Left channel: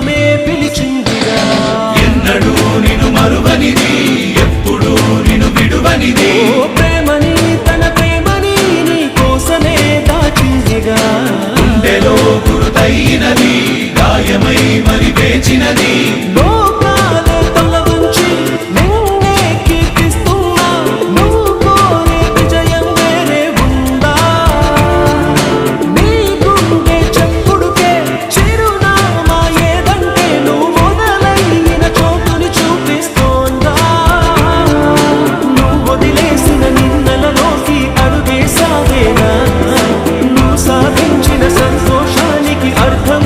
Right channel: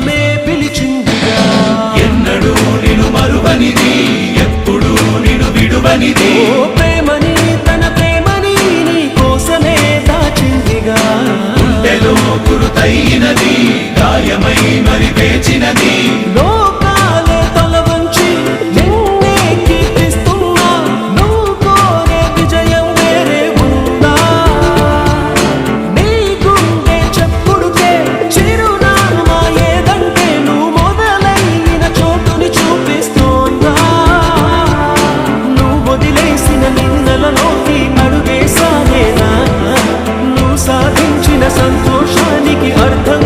లోకమే పిలిచిందిగా. ఎన్నడూ నిన్ను మరువనిది, ఎప్పుడు నిన్ను విడువనిది. ఓ ప్రేమని తన ప్రేమని నీ కోసమే దాచిందిగా. గుండెలో గురుతైనది, గాయమై మరి వేచినది. లోకాలే తల వంచి నిన్నే కీర్తిస్తున్నా, నువ్వు కోరే విజయం వేరే ఉందా? నీ గుండె చెప్పుడుకే చిరునామా ఏదంటే నువ్వు మొదలైన చోటుని చూపిస్తోందా? నువ్వు వదిలేసిన నిన్నలలోకి అడుగేసాగేనా? నువ్వు సాధించిన సంతోషానికి అర్థం